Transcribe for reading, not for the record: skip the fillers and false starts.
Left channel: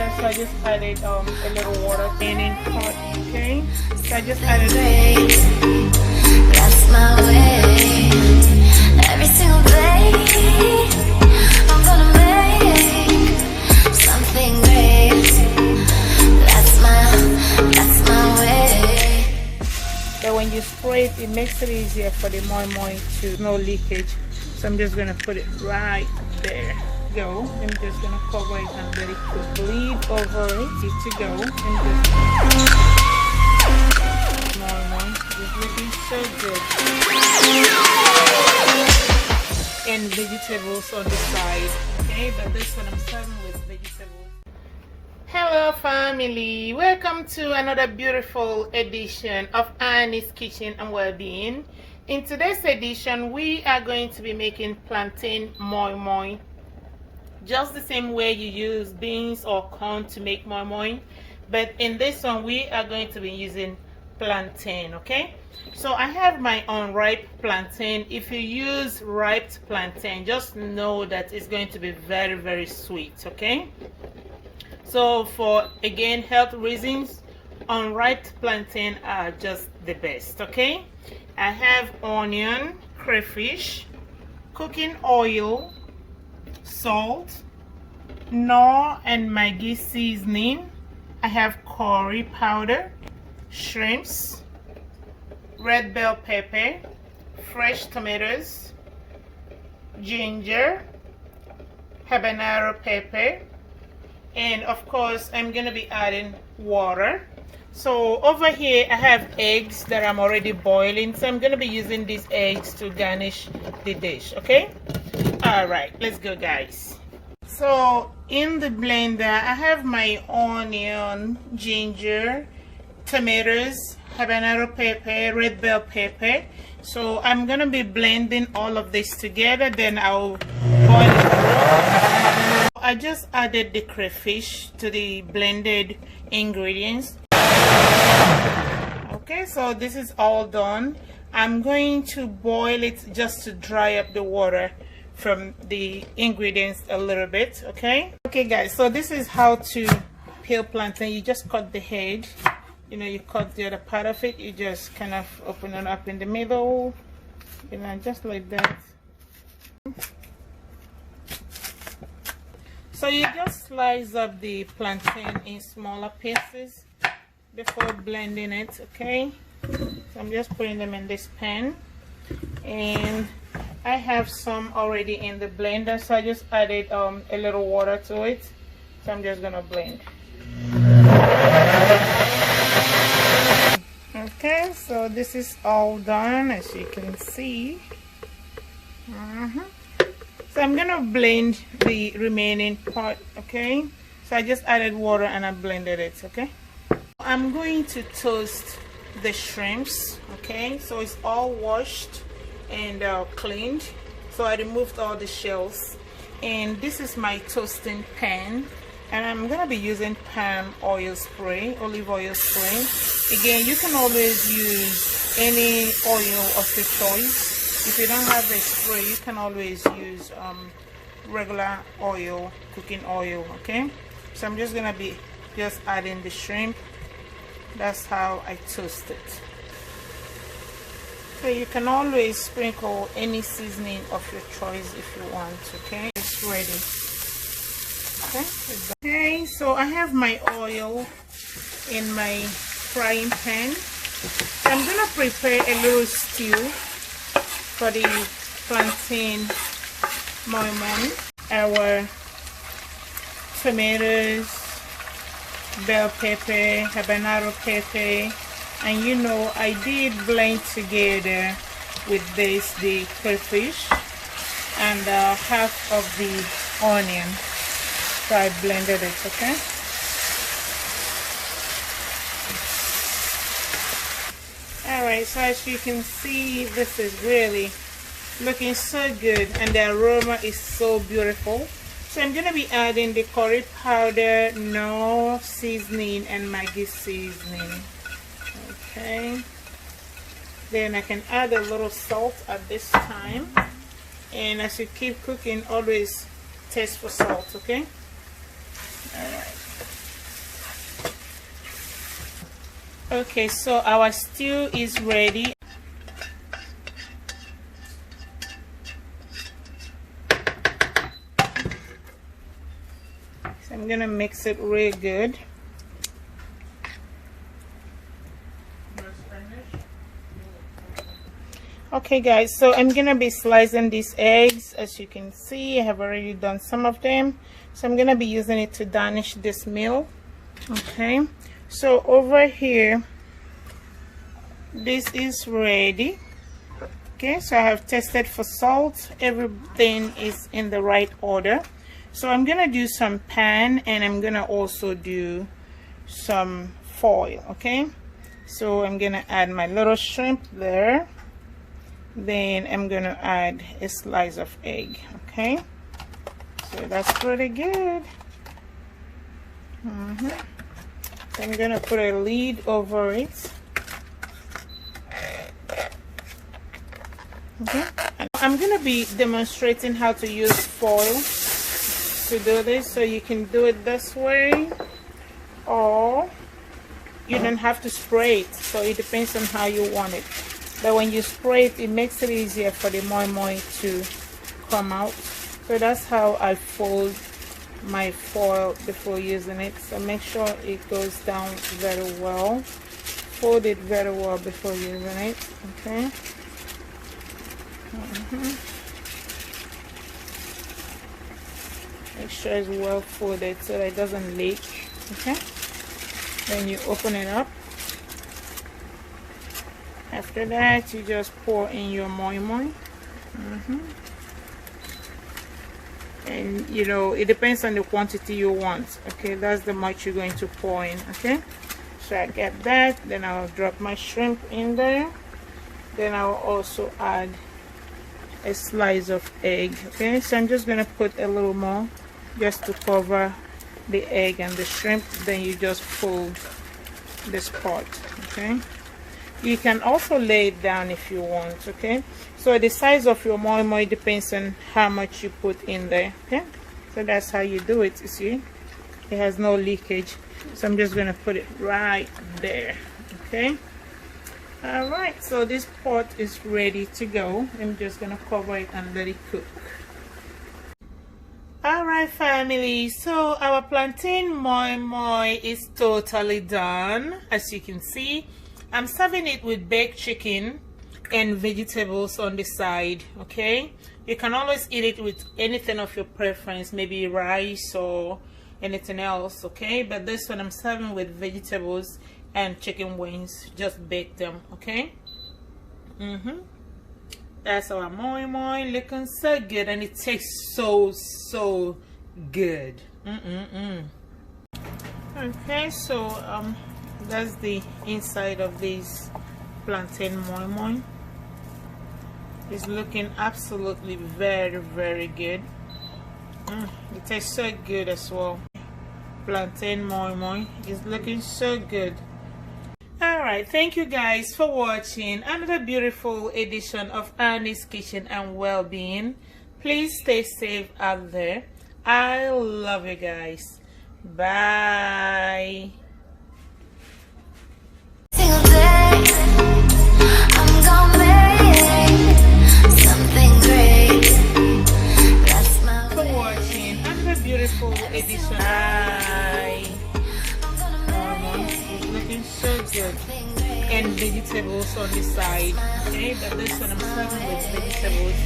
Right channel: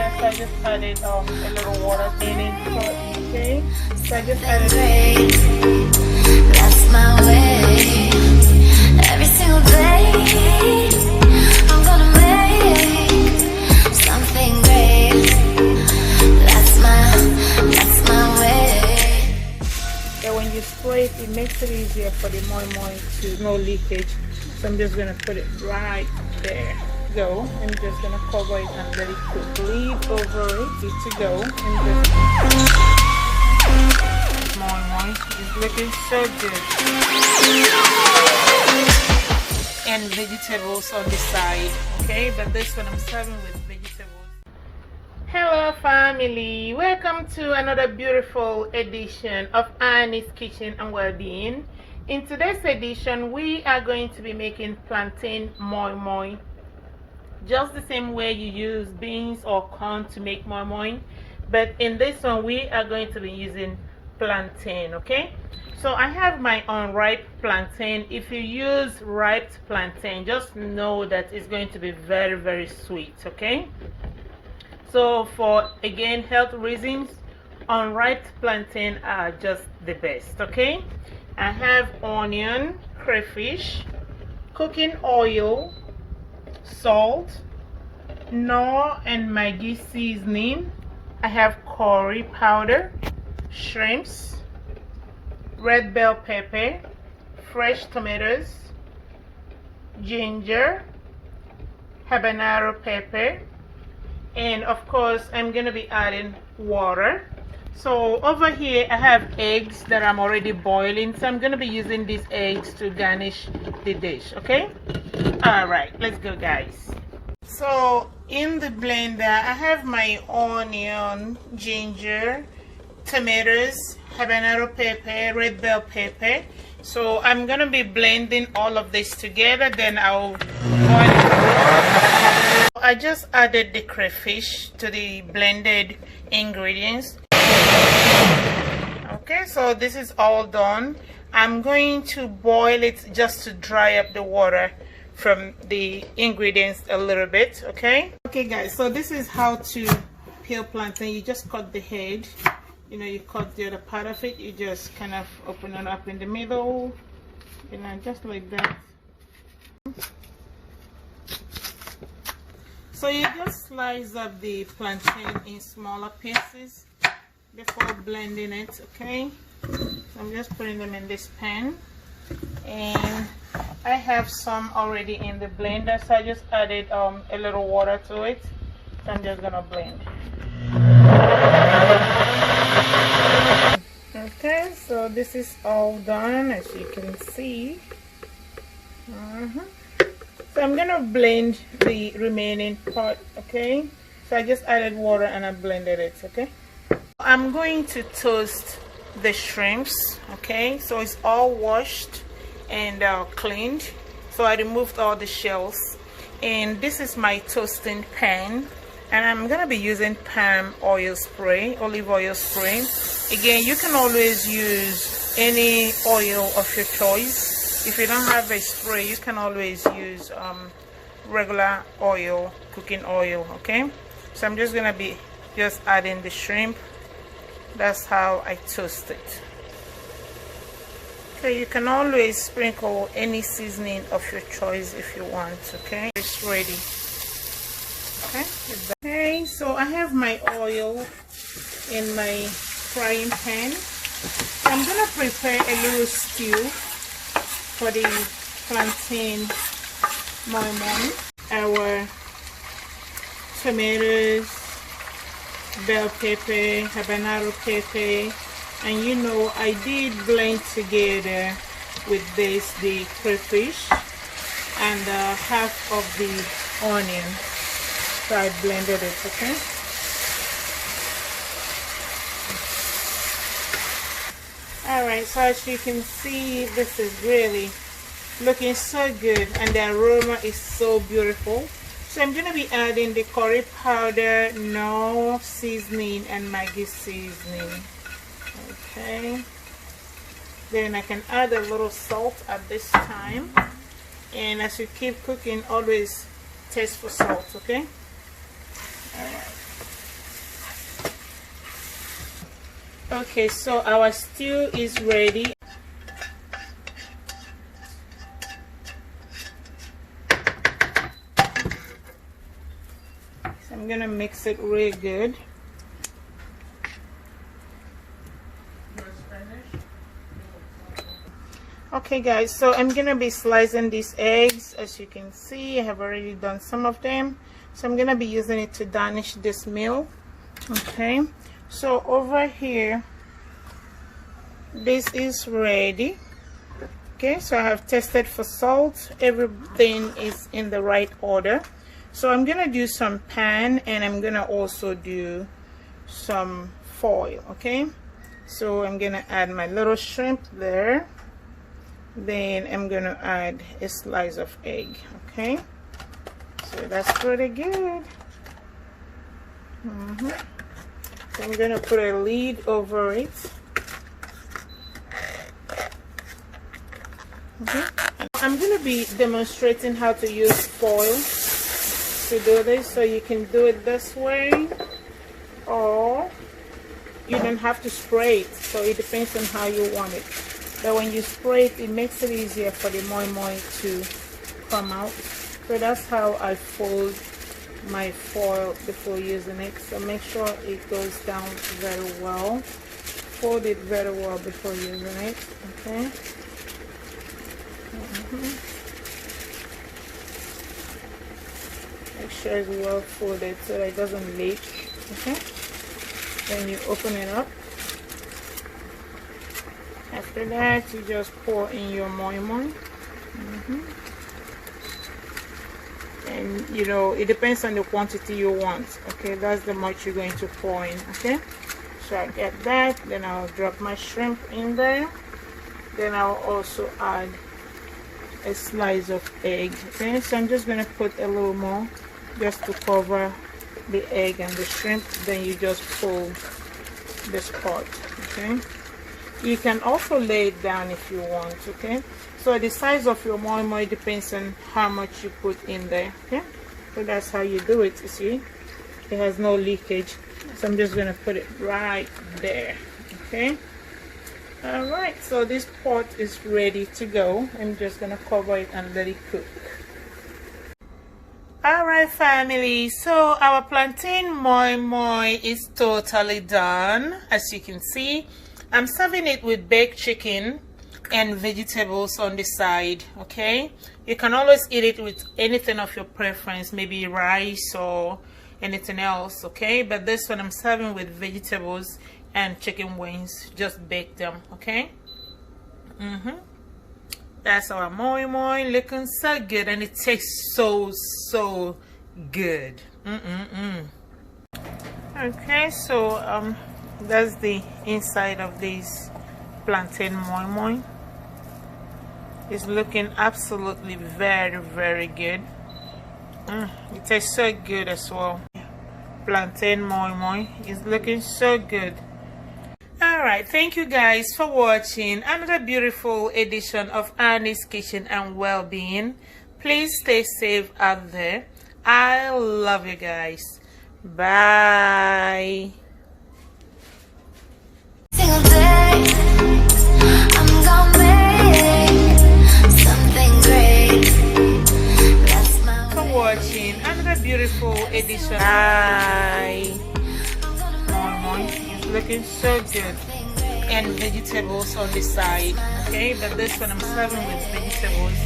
blender, so I just added a little water in it. Okay, so I just added. That's my way. Every single day, I'm gonna make something great. That's my way. So when you spray it, it makes it easier for the moi-moi to no leakage. So I'm just gonna put it right there. Go. I'm just gonna cover it and let it to bleed over it. Good to go. And just moi-moi is looking so good. And vegetables on the side. Okay, but this one I'm serving with vegetables. Hello family, welcome to another beautiful edition of Annie's Kitchen and Wellbeing. In today's edition, we are going to be making plantain moi-moi. Just the same way you use beans or corn to make moi-moi, but in this one we are going to be using plantain. Okay, so I have my unripe plantain. If you use ripe plantain, just know that it's going to be very, very sweet. Okay, so for, again, health reasons, unripe plantain are just the best. Okay, I have onion, crayfish, cooking oil, salt, Knorr and Maggi seasoning. I have curry powder, shrimps, red bell pepper, fresh tomatoes, ginger, habanero pepper, and of course I'm gonna be adding water. So over here I have eggs that I'm already boiling, so I'm gonna be using these eggs to garnish the dish. Okay, all right, let's go guys. So in the blender I have my onion, ginger, tomatoes, habanero pepper, red bell pepper. So I'm gonna be blending all of this together, then I'll boil it. I just added the crayfish to the blended ingredients. Okay, so this is all done. I'm going to boil it just to dry up the water from the ingredients a little bit. Okay guys, so this is how to peel plantain. You just cut the head, you know, you cut the other part of it, you just kind of open it up in the middle, you know, just like that. So you just slice up the plantain in smaller pieces before blending it. Okay, so I'm just putting them in this pan, and I have some already in the blender, so I just added a little water to it. So I'm just gonna blend. Okay, so this is all done, as you can see. So I'm gonna blend the remaining part. Okay, so I just added water and I blended it. Okay, I'm going to toast the shrimps. Okay, so it's all washed and cleaned, so I removed all the shells, and this is my toasting pan, and I'm gonna be using palm oil spray, olive oil spray. Again, you can always use any oil of your choice. If you don't have a spray, you can always use regular oil, cooking oil. Okay, so I'm just gonna be adding the shrimp. That's how I toast it. Okay, you can always sprinkle any seasoning of your choice if you want. Okay, it's ready. Okay, so I have my oil in my frying pan. I'm gonna prepare a little stew for the plantain moi-moi. Our tomatoes, bell pepper, habanero pepper, and you know, I did blend together with this the crayfish and half of the onion. So I blended it. Okay, all right, so as you can see, this is really looking so good and the aroma is so beautiful. So I'm going to be adding the curry powder, Knorr seasoning, and Maggi seasoning. Okay, then I can add a little salt at this time, and as you keep cooking, always taste for salt. Okay, all right. Okay, so our stew is ready. So I'm gonna mix it really good. Okay guys, so I'm gonna be slicing these eggs. As you can see, I have already done some of them, so I'm gonna be using it to garnish this meal. Okay, so over here, this is ready. Okay, so I have tested for salt. Everything is in the right order. So I'm gonna do some pan, and I'm gonna also do some foil. Okay, so I'm gonna add my little shrimp there. Then I'm gonna add a slice of egg. Okay, so that's pretty good. So I'm gonna put a lid over it. Okay, I'm gonna be demonstrating how to use foil to do this, so you can do it this way, or you don't have to spray it, so it depends on how you want it. But when you spray it, it makes it easier for the moi-moi to come out. So that's how I fold my foil before using it. So make sure it goes down very well. Fold it very well before using it. Okay. Make sure it's well folded so that it doesn't leak. Okay. Then you open it up. After that, you just pour in your moi-moi. And you know, it depends on the quantity you want. Okay, that's the much you're going to pour in. Okay, so I get that. Then I'll drop my shrimp in there. Then I'll also add a slice of egg. Okay, so I'm just gonna put a little more just to cover the egg and the shrimp. Then you just pull this part. Okay, you can also lay it down if you want. Okay, so the size of your moi-moi depends on how much you put in there. Okay, so that's how you do it. You see, it has no leakage, so I'm just gonna put it right there. Okay, all right, so this pot is ready to go. I'm just gonna cover it and let it cook. All right, family, so our plantain moi-moi is totally done. As you can see, I'm serving it with baked chicken and vegetables on the side. Okay, you can always eat it with anything of your preference, maybe rice or anything else. Okay, but this one I'm serving with vegetables and chicken wings. Just bake them. Okay. That's our moi-moi, looking so good, and it tastes so good. Okay, so that's the inside of this plantain moi-moi. It's looking absolutely very good. It tastes so good as well. Plantain moi-moi is looking so good. Alright, thank you guys for watching another beautiful edition of Annie's Kitchen and Wellbeing. Please stay safe out there. I love you guys. Bye. Single day, I'm gonna make something great. That's my For watching another beautiful edition. Bye. It's looking so good, and vegetables on the side. Okay, but this one I'm serving with vegetables